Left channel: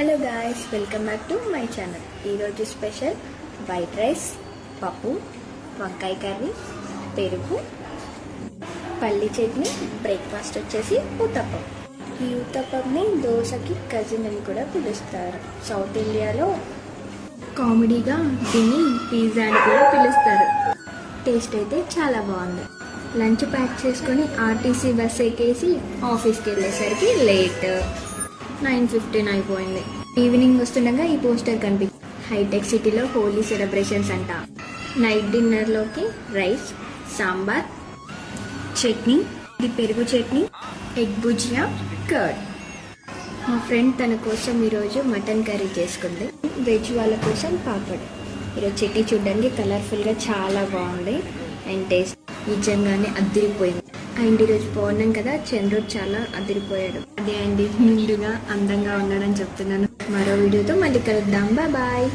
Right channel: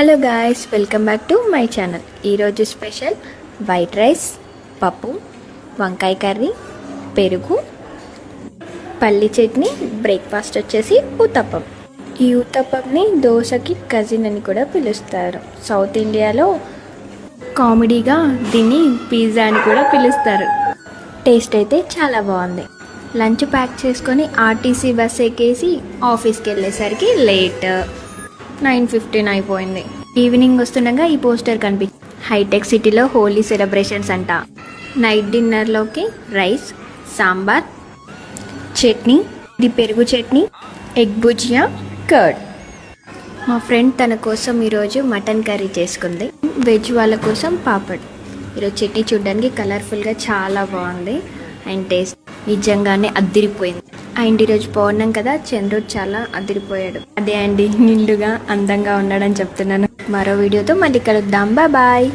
Hello guys, welcome back to my channel. ఈరోజు special white rice, పప్పు, వంకాయ curry, పెరుగు, పల్లి చట్నీ. బ్రేక్ఫాస్ట్ వచ్చేసి ఊతప్పం. ఈ ఊతప్పంని దోశకి కజిన్ అని కూడా పిలుస్తారు. సౌత్ ఇండియాలో కామెడీగా దీన్ని పిజ్జా అని కూడా పిలుస్తారు. టేస్ట్ అయితే చాలా బాగుంది. లంచ్ ప్యాక్ చేసుకొని ఆర్టీసీ బస్ ఎక్కేసి ఆఫీస్కి వెళ్ళేసరికి లేట్ 9:15 అయిపోయింది. ఈవినింగ్ వస్తుండగా ఈ పోస్టర్ కనిపించింది. హైటెక్ సిటీలో హోలీ సెలబ్రేషన్స్ అంట. నైట్ డిన్నర్లోకి రైస్, సాంబార్, చట్నీ, ఇది పెరుగు చట్నీ, ఎగ్ భుజియా, కర్డ్. మా ఫ్రెండ్ తన కోసం ఈరోజు మటన్ కర్రీ చేసుకుంది. వెజ్ వాళ్ళ కోసం పాపడ్. ఈరోజు చట్నీ చూడడానికి కలర్ఫుల్గా చాలా బాగుంది అండ్ టేస్ట్ నిజంగానే అద్దిరిపోయింది. అండ్ ఈరోజు పౌర్ణం కదా, చంద్రుడు చాలా అదిరిపోయాడు. అదే అండి, నిండుగా అందంగా ఉన్నాడని చెప్తున్నాను. మరో వీడియోతో మళ్ళీ కలుద్దాం. బాయ్.